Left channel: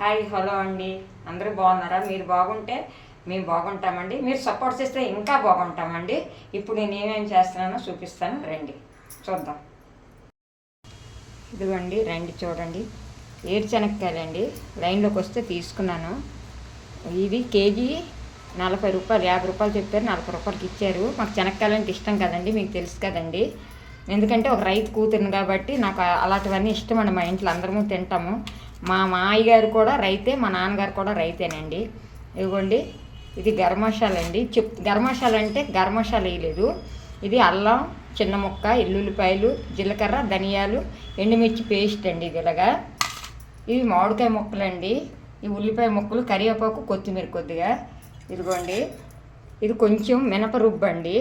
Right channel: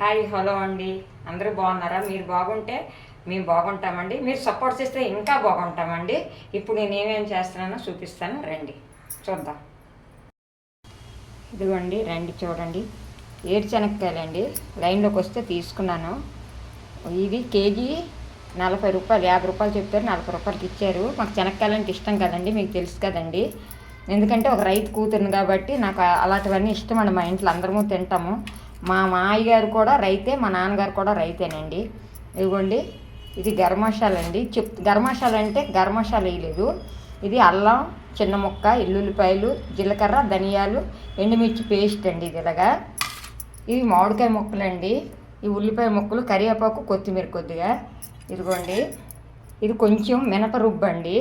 Hi hello అండి. అందరూ బాగున్నారా? మీరు బాగుంటే మేము బాగుంటామండి. మీరు సపోర్ట్ చేస్తే ఇంకా బాగుంటామండి. ఇప్పుడు నేను ఏమేమి చేస్తున్నానో చూపిస్తాను, రండి చూద్దాం. ఇదిగోండి, రండి చూడండి. ఏరుశనక్కాయలండి, లైన్లోకి వస్తే తీసుకున్నాను. ఇది కేజీ 40 రూపాయలు, 50 రూపాయలు చెప్పారు, 40 రూపాయలకి ఇచ్చారు. మాకు శనక్కాయలు అంటే ఇష్టం కదండి, మీకు తెలుసు కదండి. ఎందుకంటే ఒక రైతు కూతురుని కాబట్టి నాకు అలాంటివన్నీ ఇష్టం అండి. మా ఇంట్లో అందరము తింటాము. మా మామయ్య గారు కూడా రైతే, మా నాన్నగారు కూడా రైతేనండి. ఇదిగోండి, ఇది గరం మసాలా అండి. గరం మసాలా అంటే గరం మసాలా వేయలేదు. ఇది అల్లం, చిన్న ముక్క, ఎల్లుల్లిపాయలు, జీలకర్ర, ధనియాలు, ఎండుమిర్చి పేస్ట్ అండి. ఇది ఇలాగా. ఇవి మామిడికాయ ముక్కలండి. ఈ ఉల్లిపాయ ముక్కలు, కరివేపాకు, కొత్తిమీర కొద్దిగా. ఇదిగోండి, ఇది కొంచెం మినప రుబ్బండి.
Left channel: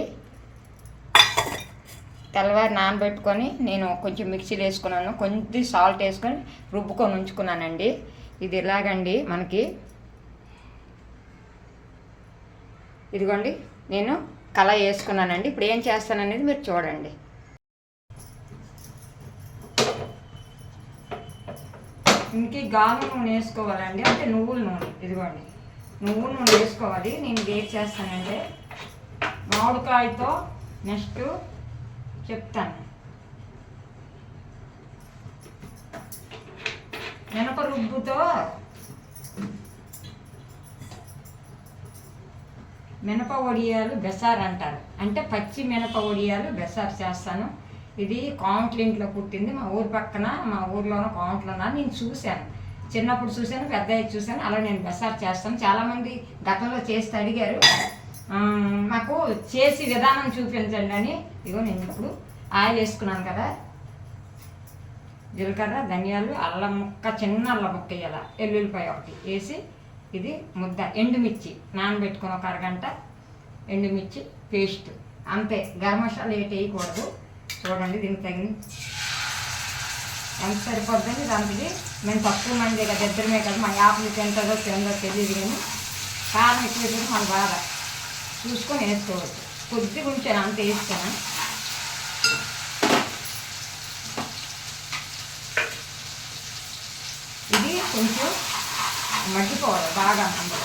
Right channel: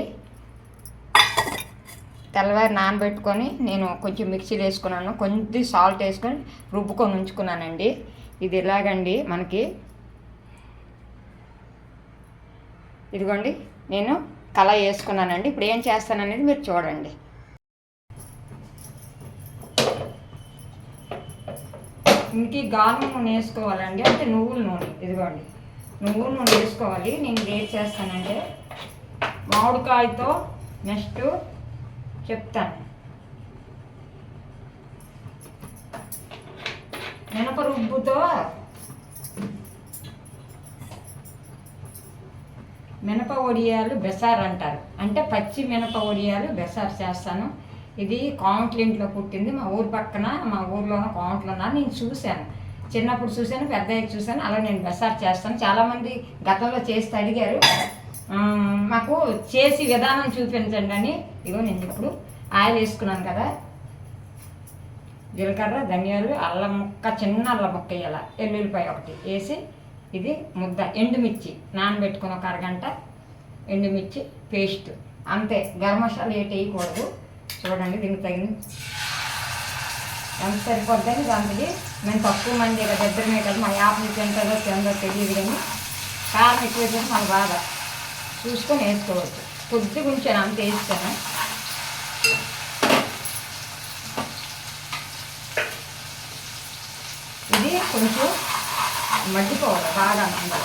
తెల్లవారి నానబెట్టుకొని నేను కొంచెం మిక్సీలో వేసుకున్నాను, కొంచెం సాల్ట్ వేసుకొని రుబ్బుకొని ఉంచుకున్నానండి. ఇది ఇలాగండి మనకి. ఇదిగోండి, నేను కళాయి వేసుకున్నానండి. ఇప్పుడు ఏం చేస్తాననేది మీరు చూడండి. ఇంక గాను నూనె వేసుకోవాలండి, అంటే నువ్వుల నూనె. ఇదిగోండి, నువ్వుల నూనె వేసుకోవాలి. నేను ఏం చేస్తానంటే మామిడికాయతో నెక్స్ట్ చెప్తాను. మినప రుబ్బుతో మినప వడియాలు బెసార్ అంటారు, అంటే పచ్చి మినప వడియాలు బెసార్ చేస్తాను. ఇది కాంట్లింట్లో పుట్టింది, మా ఊరు పక్కన, మా ఊర్లోనో కాంట్లోనా నేను చూశాను. చిన్నప్పుడు చూశాను, పెద్దయ్యకి చూశాను. అలా నేను బెసార్ చేస్తాను. చాలామంది గతంలో చేస్తే అడిగారు, మాకు చేసి విధానం చూపించండి అని. ఇగో నేను ఇప్పుడు ఆయిల్ వేసుకున్నాను కదా, జీలకర్ర, ధనియాలు, అల్లం ముక్క, చిన్న అల్లం ముక్క వేయాల, ఎల్లుల్లిపాయ ఒకటి వేసి, ఇది ముద్ద ఎండుమిర్చి నానబెట్టుకుని ఒక అరగంట, ఎండుమిర్చి పేస్ట్ అంతే. గరం మసాలా ఏటి వేయకూడదు. చూడండి, దీనికి తగిన ఎంత సరిపోద్దని దానికి. మేము తక్కువ మంది కదా, ఇద్దరమే కదా, మన యాప్ నుంచి ఎంతదో తెలియదు, కానీ కారం ఎక్కువ వేసేసి మనకు బాగా చూసుకొని వేసుకోవచ్చు. కొద్దిగా ఉంచాను, అంత వేస్తాను. ఇది కొంచెం మగ్గిపోవాలి బాగా. అందులో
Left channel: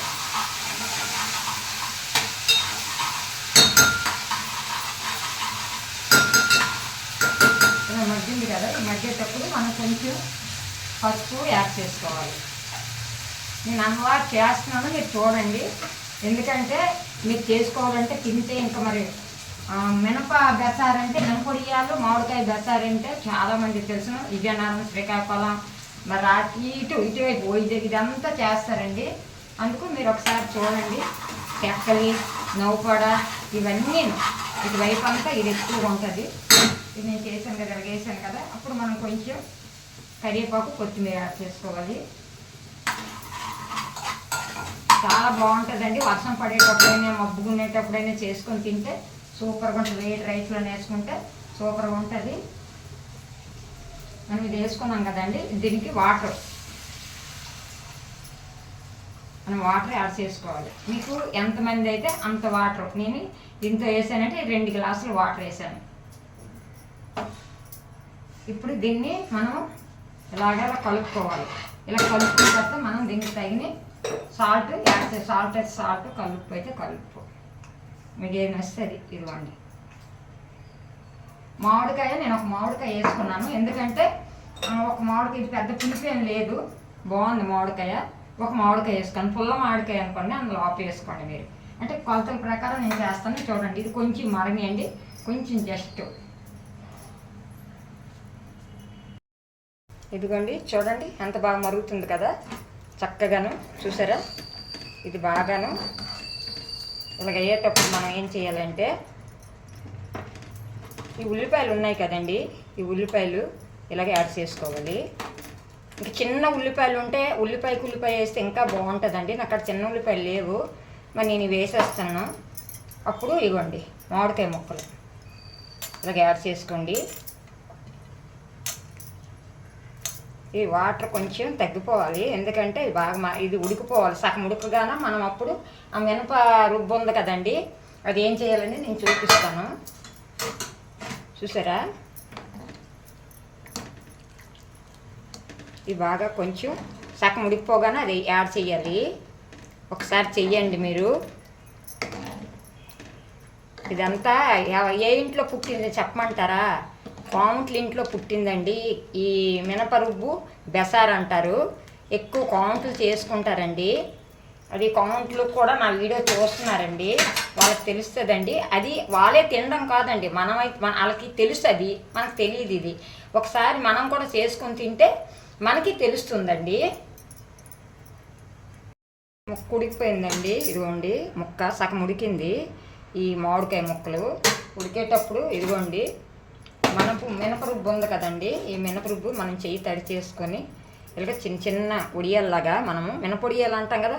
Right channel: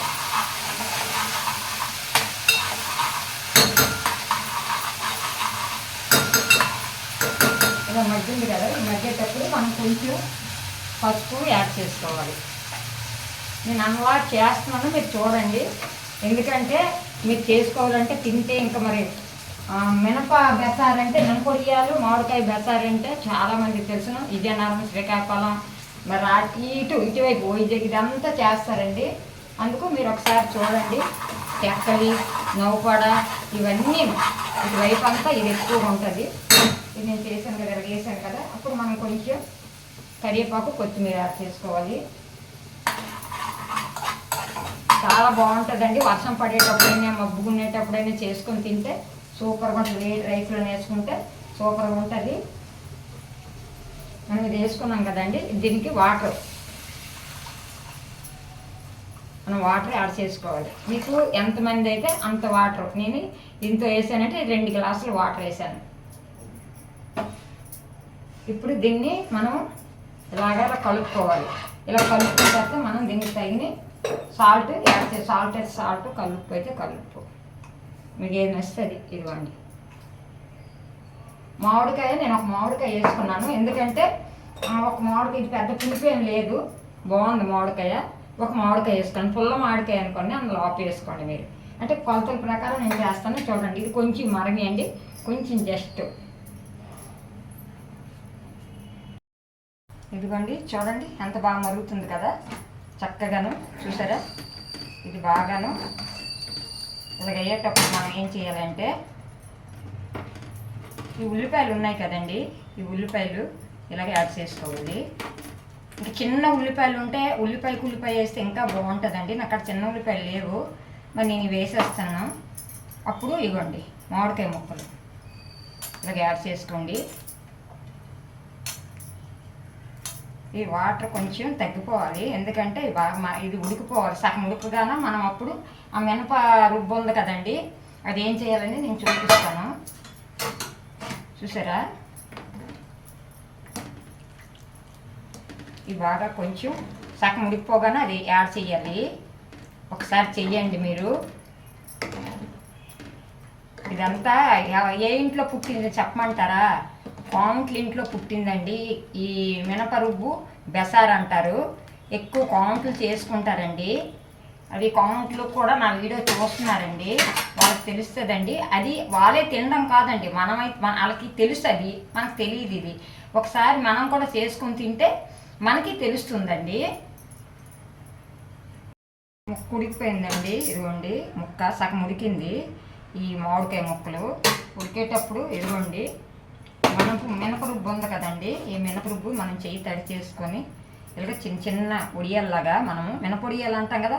ఇలా మగ్గింది కదా, ఈ మగ్గేటప్పుడు మనం కొంచెం పసుపు యాడ్ చేసుకోవాలి. నేను అలవాటు చేస్తున్నాను, మీరు చూడండి. ఎందుకంటే మీరు చేసుకోవాలంటే తింటే ఇంకా మరి మినప బెసారంటే, మినపొడియాలు, మామిడికాయ బెసారంటే చాలామంది తెలుసును. విజయనగరం, శ్రీకాకుళం, మరి ఇటువైపు వైజాగ్ ఇదంతా చేస్తారండి. అందుకు మీరు ఒకసారి చూడండి. తెక్కలి, నవ్వుపడ ఇవన్నీ ఇటువైపు అంతా ఇది ఎక్కువగా ఉంటుంది. ఇది నేను చేశాను కదా, వేసాను కదా. అప్పుడు మనం కొంచెం కరివేపాకు, కొత్తిమీర యాడ్ చేసుకోవాలి. చాలా బాగుంటుందండి. వర్షం పడేటప్పుడైనా, మబ్బుగునేటప్పుడైనా చేసుకొని తింటే సూపర్గా ఉంటుంది. వేడి రైస్లో వేసుకుంటే సూపర్గా ఉంటుంది. మనం ఇది వేసుకున్నాం కదండి, దీనికి మనం వాటర్ యాడ్ చేసుకోవాలి. మీకు ఎంతమంది అయితే అంత వాటర్. నేను దీంతో వేసానంటే 2 గ్లాసులు వాటర్ వేసాను. ఇప్పుడు దీన్ని మనం ఇలా కలుపుకోవాలి. ఇలా కలుపుకున్న తర్వాత మనం దీనికి తగిన సాల్ట్ యాడ్ చేసి, సాల్ట్ అయితే సాల్ట్, కలుపు అయితే కలుపు, మీకు ఏది నచ్చుతుంది. ఇదిగోండి, మామిడికాయ నేను ఒక మామిడికాయ వేసుకున్నాను. ఎందుకంటే ఒక మామిడికాయ, ఇది పెద్ద పులుపు ఏం లేదు, బాగుంది మామిడికాయ. ఒక మామిడికాయ వేసుకోండి, పుల్ల మామిడికాయ అనుకోండి, అందులో ఆపు వేసుకోండి మీరు. అంటే కొలతల ప్రకారం నేను చేస్తాను. చూడండి, ఇది కొంచెం మరగండి, కొంచెం జస్ట్. ఇదిగోండి, చూడండి ఎంత బాగా మరుగుతుంది కదా, చక్కగాను. చూసారా, ఇది బాగాను ఇలాగ అయ్యేటప్పుడు మనం ఏం చేయాలంటే, ఈ ఉల్లిపాయలు ఉన్నాయి కదండి, ఈ ఉల్లిపాయలు ఇలాగ యాడ్ చేసుకోవాలి. ఇంకా చిన్న ఉల్లిపాయలు ఉంటే ఉల్లిపాయ వేస్తే ఇంకా బాగుంటుందండి. నాకు అక్కడ చిన్న ఉల్లిపాయలు లేవు, మరి నేను వేసేస్తాను. అప్పుడు ఇవ్వండి మామిడికాయ ముక్కలు ఇలాగ యాడ్ చేసుకోండి. ఈ వాటర్ కొంచెం తగ్గిపోవాలి, ఎందుకంటే ఇది ఉడికిపోవాలి. సగం ఉడకగానే మనం అప్పుడు ఆ మినప రుబ్బు ఉంది కదండి, అది ఏం చేయాలని నేను చూపిస్తాను. చూసారా, ఇది బాగా కొంచెం సగం ఉడికిపోగానే అది యాడ్ చేయాలి. ఒకసారి చెయ్యండి మీరు. ఇదంతా ఏ ఇంట్లో పుట్టింది చెప్పమంటారా? కాంట్ల ఇంట్లో పుట్టిందండి. ఈ మినపరుబ్బు బెసార్ అంటారు. ఎక్కువ కాంట్లు చేసుకుంటారండి. అది కాంట్లు కూడా నా వీడియో చూస్తున్నారండి, వాళ్ళకి తెలుస్తుందండి. అది వాళ్ళే తినడం కాదండి, వాళ్ళకి తెలుసు, అది మనకు తెలియదు. ఇది ఒకసారి మనం కూడా చేసుకొని తింటే మనకి తెలుస్తుందండి. ముక్క ఉడికిపోయిందండి. ఇదిగోండి ముక్క సగం ఉడికింది. ఈ మామిడికాయ ముక్కలు ఉడికేటప్పుడు ఇదిగోండి మినపరుబ్బు ఉంది కదండి, ఈ మినపరుబ్బు మనం చెయ్యి తడి చేసుకొని ఇలాగ చిన్న చిన్న ఉడియాల్లాగా, మనము మినపొడియాలు అంటాం కదా,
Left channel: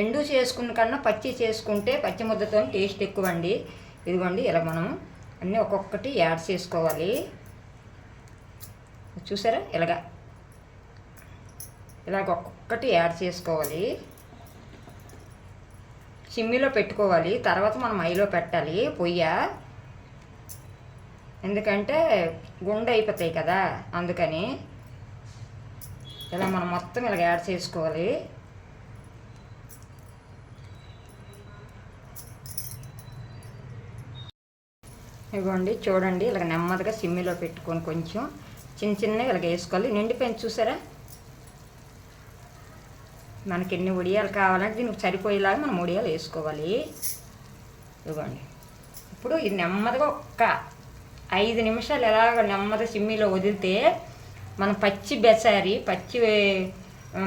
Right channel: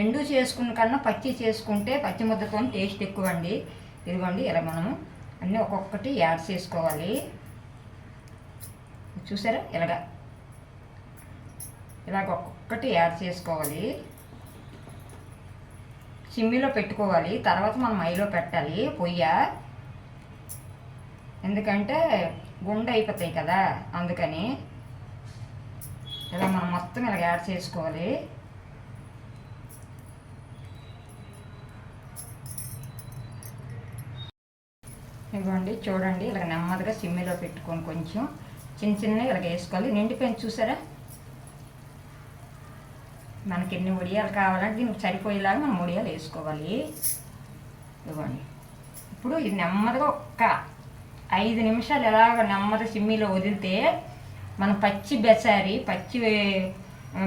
ఎండు చేసుకున్న కన్నా పచ్చి చేసుకుంటే పచ్చి ముద్దతో టేస్ట్ ఎక్కువ అండి. ఇదిగోండి ఇలా మనము అన్నీ ఒక్కొక్కటి యాడ్ చేసుకోవాలి. చూసారా ఇలాగ ఒక్కొక్కటి యాడ్ చేసుకోవాలి. సిమ్మిలో పెట్టుకోవాలి, తర్వాత మనం ఐలో పెట్టాలి పొయ్య, ఎందుకంటే గుండె అయిపోతాయి కదా, అందుకని ఇలా మనం మొత్తం ఇలా యాడ్ చేసుకోవాలి. ఇదిగోండి చూడండి ఇలా నెమ్మదిగా సిమ్మిలో పెట్టుకొని కొంచెం చిన్న చిన్నగా ఇలా వేసుకోవాలి. నిండిపోయింది చూసారా? మనకి ఎన్ని ఉడియాలు కావాలంటే దీనికి సరిపోయేలాగా మనం ఉడియాలు వేసుకోవాలి. ఇదిగోండి ఇప్పుడు ఇది నెమ్మదిగా ఒక్క 5 నిమిషాలు ఎలాగ నెమ్మదిగా సిమ్మిలో వదిలితే మనం పచ్చి బెసారి, పచ్చి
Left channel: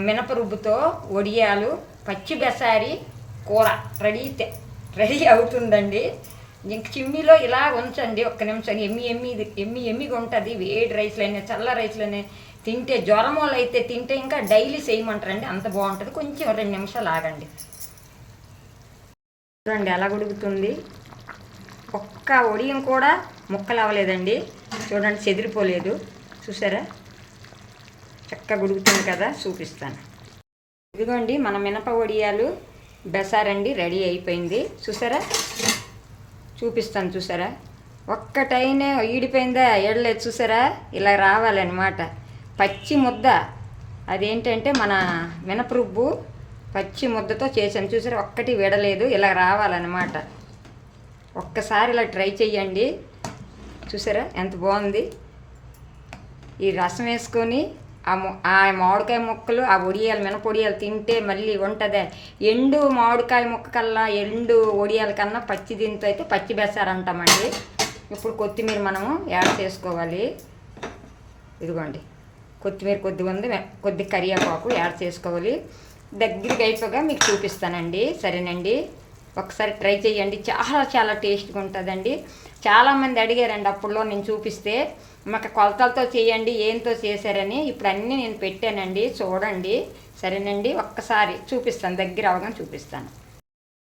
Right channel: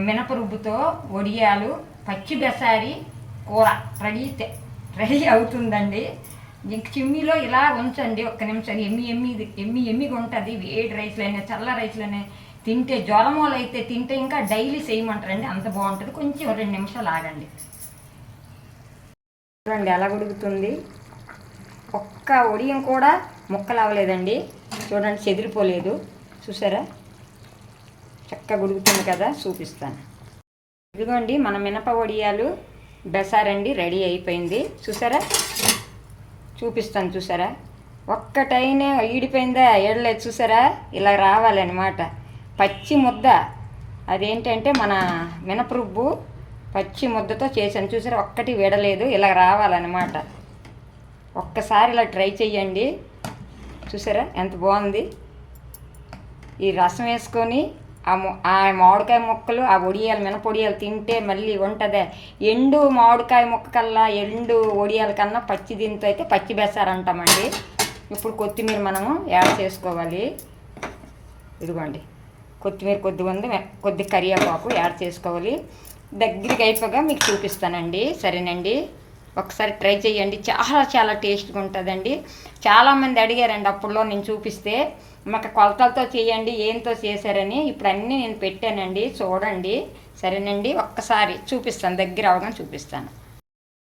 మినపరుబ్బుతో వడియాలు, పచ్చి బెసారి కూర రెడీ అవుతుందండి. ఇంక చిమ్మిలో ఇలా ఉంచండి ఒక్క నిమిషం. ఎమ్మిగా ఉంటుంది. వేడి రైస్లోనే చల్ల రైస్లోనే తింటే, జ్వరమూలు అయితే తింటే ఇంకా డైలీ చేయమంటారండి, అంత బాగుంటుంది. కొంచెం 2 నిమిషాలు ఆగండి. చూడండి ఎలా ఉడుకుతుంది. ఒక్క ఒడియం కూడా ముక్కలు అవ్వలేదండి. చూడండి చెదిరిపోలేదు. చూసారా చక్కగా ఉడుకుతుంది కదా, చూపిస్తాను. ఇదిగోండి మన మినప వడియాలు బెసారండి రెడీ అయిపోయింది. చూసారా చూపిస్తాను. చూసారా ఒక్కటైనా ఈడిపోయిందా ఏడలేదు. చూసారా ఇలా రావాలన్నమాట పచ్చి ముద్ద. అదేంటంటే మన మినపరుబ్బు పచ్చి ముద్దతో చేశాను. చూసారా ఒక్కటి విడలేదు. ఇలా రావాలన్నమాట. ఒక్కసారి ఇలా ట్రై చెయ్యండి. చూసారా ఎంత బాగుంది. ఈ రసం వేసుకొని ఆ మామిడికాయ ముక్కలు, ఆ వడియాలు, మినపొడియాలు తింటే మళ్ళీ ఉంటుందే. ఎండు మామిడికాయ ముక్క కల్లా, ఎండు వడియాల కన్నా పచ్చి దీంతో అయితే పచ్చి బెసారు అంటామండి. ఇప్పుడు కొత్తిమీర మనము యాడ్ చేసుకోవాలి. ఇదిగోండి కొత్తిమీర కొద్దిగా ఉంది, కొద్ది కరివేపాకు యాడ్ చేసుకోవాలి. దగ్గరికి అయిపోగా మీకు చూపిస్తానండి. సరేనండి ఒకసారి ట్రై చేయండి. చాలా టేస్ట్గా ఉంటుందండి. చాలామంది అడిగారండి అప్పుడులో నేను చూపిస్తే, మాకు కొలతలతో చేయండి, ఏంతో చేశారని. ఇప్పుడు అన్నీ నేను పెట్టానండి, చూడండి. సరేనండి ఒక్కసారి చూపిస్తాను, దగ్గర అవగానే చూపిస్తాను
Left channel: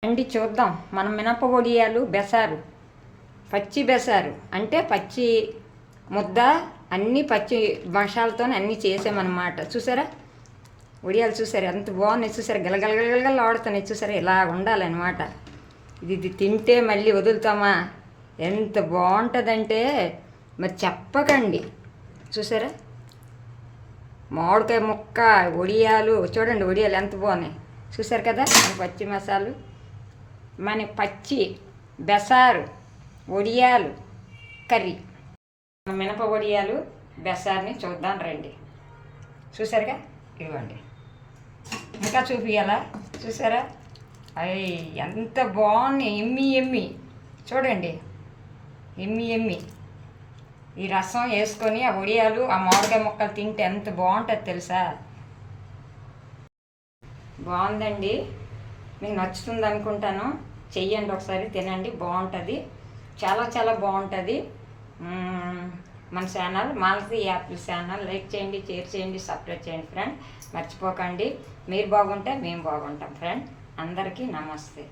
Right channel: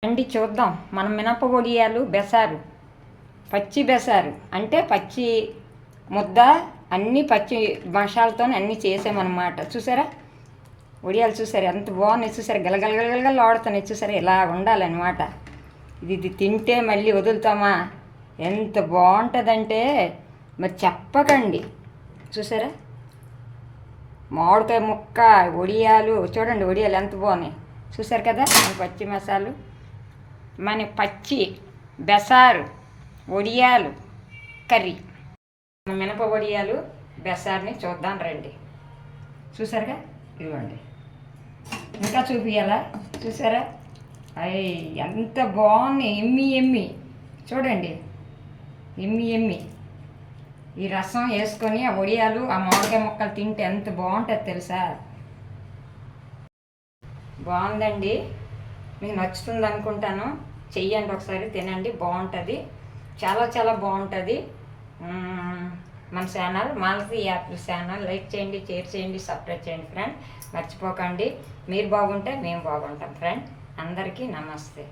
అండి. చూద్దాం మనం మినప వడియాలు బెసారు, పచ్చి బెసారు అంటే పచ్చి ముద్ద, అన్నీ పచ్చి మసాలతో అన్నీ చేసామన్నమాట. చూసారా వడియాలు చూసారా ఎంత బాగున్నాయి. చూసారా గలగలగలగల ఆడుతున్నాయి. చూసారా ఇలా ఉండాలన్నమాట. ఇది తింటే మళ్ళీ వదులుతామా, ఎంత బాగుంటుందంటే మరి చెప్పకండి. చూసారా మామిడికాయ ముక్క, వడియాలు చూడండి, వడియాలు ఎంత బాగున్నాయి. చూసారు కదా మన పచ్చి మసాలు, మన పచ్చి బెసారు వడియాలు కర్రీ. మినప వడియాలు బెసార్ని చూద్దాం రండి. చూసారుగా ఇదిగోండి, ఇంకా చూపించాలా? చూసారా అయ్యి ఎంత బాగున్నాయి. ఎమ్మి చూడండి, ఎమ్మి. ఈ రసం వేసుకొని ఆ వడియాలు, ఆ మామిడికాయ ముక్కలు తింటే ఎంత బాగుంటుంది తెలుసా. బాగుందండి, మీకు నచ్చుతుంది అనుకుంటాను. చెయ్యండి ఒకసారి, తినండి, బాగుంటుంది. చాలా బాగుంటుంది. మన channel Malathi Apple channel like చేయండి, షేర్ చేయండి, సబ్స్క్రైబ్ చేయండి ఫ్రెండ్. మర్చిపోకండి. మీరు బాగుంటే మేము బాగుంటాం ఫ్రెండ్. అందరికీ నమస్తే.